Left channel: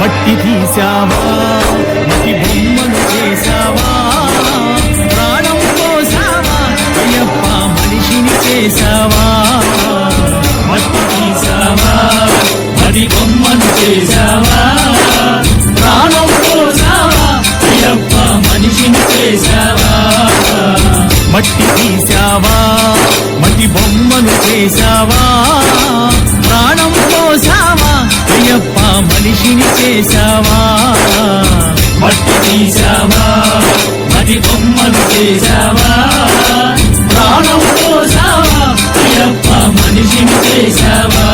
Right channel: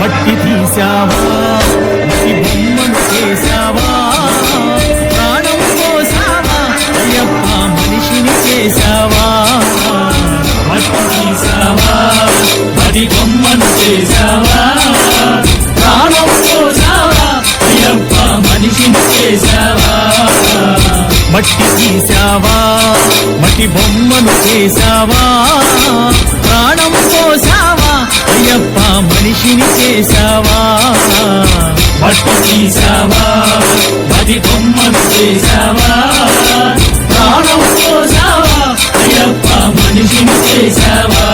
మట్టి తీసావా మట్టి బొమ్మను చేసావా ప్రాణం పోసావా అయ్యప్ప మనిషిని చేసావా మట్టి తీసావా మట్టి బొమ్మను చేసావా ప్రాణం పోసావా అయ్యప్ప మనిషిని చేసావా మట్టి తీసావా మట్టి బొమ్మను చేసావా ప్రాణం పోసావా అయ్యప్ప మనిషిని చేసావా మట్టి తీసావా మట్టి బొమ్మను చేసావా ప్రాణం పోసావా అయ్యప్ప మనిషిని చేసావా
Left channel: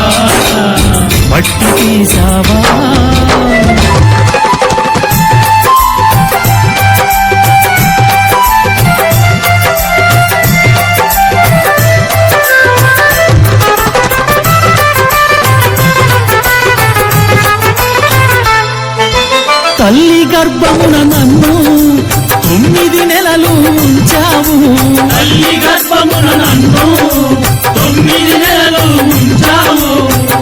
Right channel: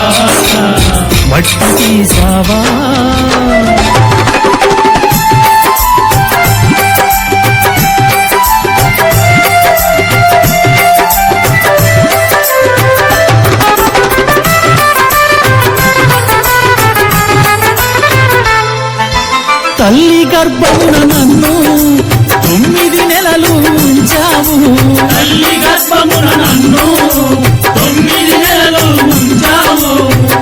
మట్టి తీసావా తల్లి గర్భమున నన్ను 9 నెలలు ఉంచావు తల్లి గర్భమున నన్ను 9 నెలలు ఉంచావు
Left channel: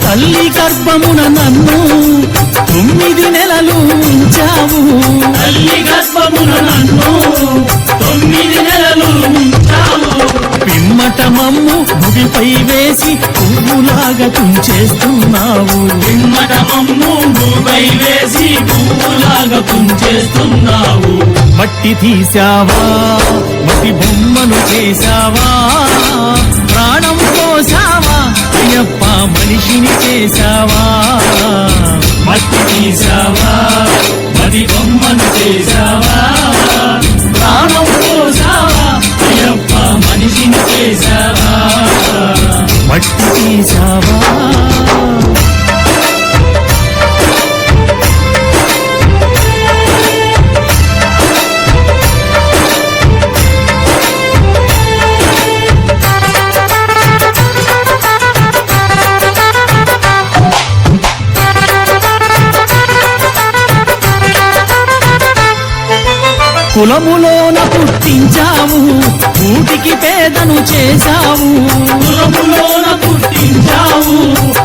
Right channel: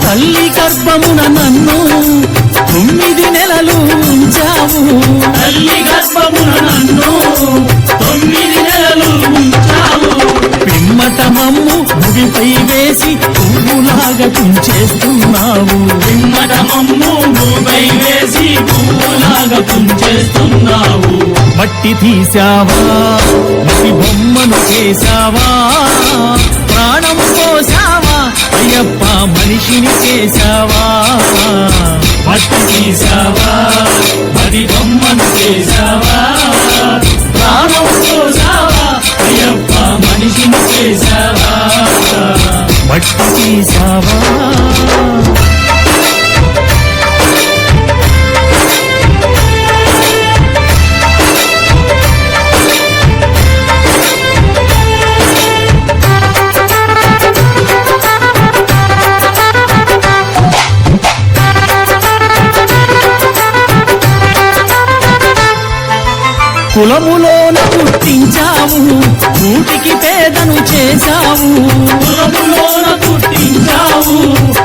తల్లి గర్భమున నన్ను 9 నెలలు ఉంచావు తల్లి గర్భమున నన్ను 9 నెలలు ఉంచావు పిమ్మట మమ్ము భూమిపై వేసి పువ్వులాగా తుంచేస్తున్నావు పిమ్మట మమ్ము భూమిపై వేసి పువ్వులాగా తుంచేస్తున్నావు మట్టి తీసావా మట్టి బొమ్మను చేసావా ప్రాణం పోసావా అయ్యప్ప మనిషిని చేసావా మట్టి తీసావా మట్టి బొమ్మను చేసావా ప్రాణం పోసావా అయ్యప్ప మనిషిని చేసావా మట్టి తీసావా కులములోన పుట్టించావు కూటికి పేదను చేశావు కులములోన పుట్టించావు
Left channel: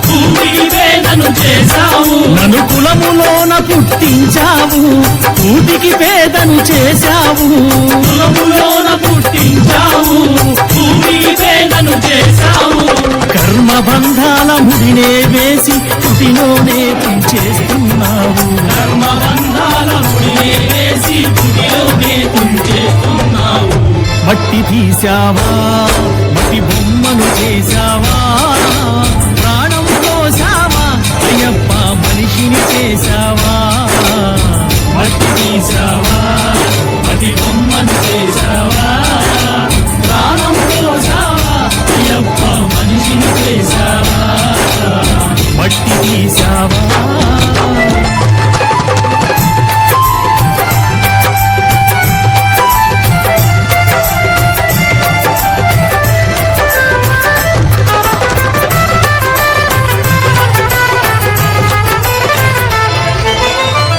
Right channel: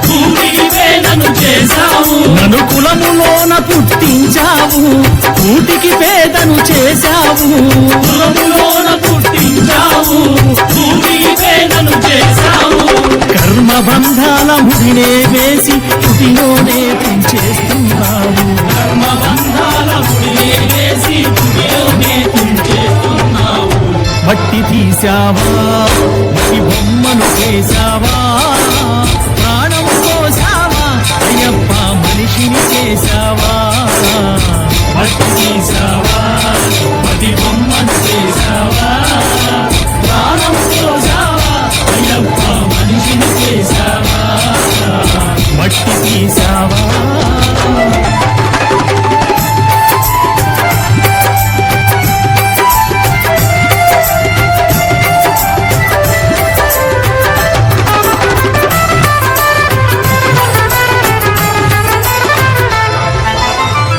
కూటికి పేదను చేశావు నన్ను కులములోన పుట్టించావు కూటికి పేదను చేశావు కులములోన పుట్టించావు కూటికి పేదను చేశావు కర్మ బంధాల ముడినే వేసి తుటిలోనే తుంచేస్తున్నావు కర్మ బంధాల ముడినే వేసి తుటిలోనే తుంచేస్తున్నావు మట్టి తీసావా మట్టి బొమ్మను చేసావా ప్రాణం పోసావా అయ్యప్ప మనిషిని చేసావా మట్టి తీసావా మట్టి బొమ్మను చేసావా ప్రాణం పోసావా అయ్యప్ప మనిషిని చేసావా మట్టి తీసావా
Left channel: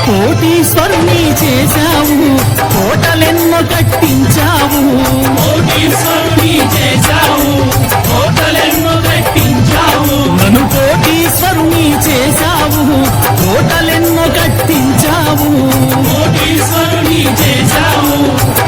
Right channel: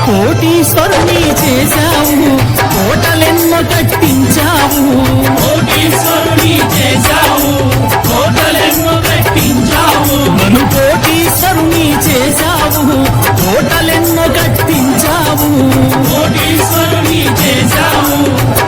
కోటీశ్వరుని చేశావు కోటలెన్నో కట్టించావు కోటీశ్వరుని చేశావు కోటలెన్నో కట్టించావు నన్ను కోటీశ్వరుని చేశావు కోటలెన్నో కట్టించావు కోటీశ్వరుని చేశావు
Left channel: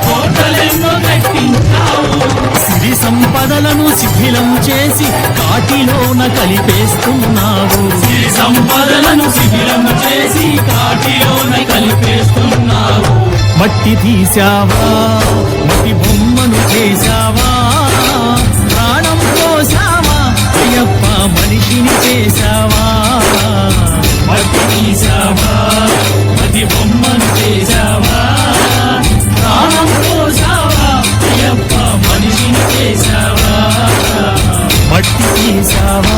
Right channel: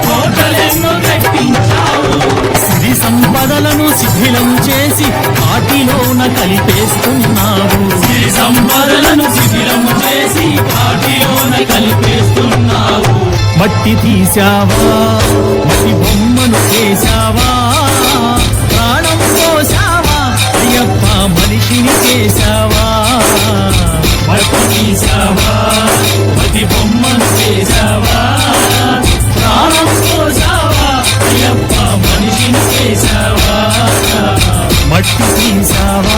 కోటలెన్నో కట్టించావు సిరి సంపదలను శిథిలం చేసి కాటిలోన కలిపేస్తున్నావు సిరి సంపదలను శిథిలం చేసి కాటిలోన కలిపేస్తున్నావు మట్టి తీసావా మట్టి బొమ్మను చేసావా ప్రాణం పోసావా అయ్యప్ప మనిషిని చేసావా మట్టి తీసావా మట్టి బొమ్మను చేసావా ప్రాణం పోసావా అయ్యప్ప మనిషిని చేసావా మట్టి తీసావా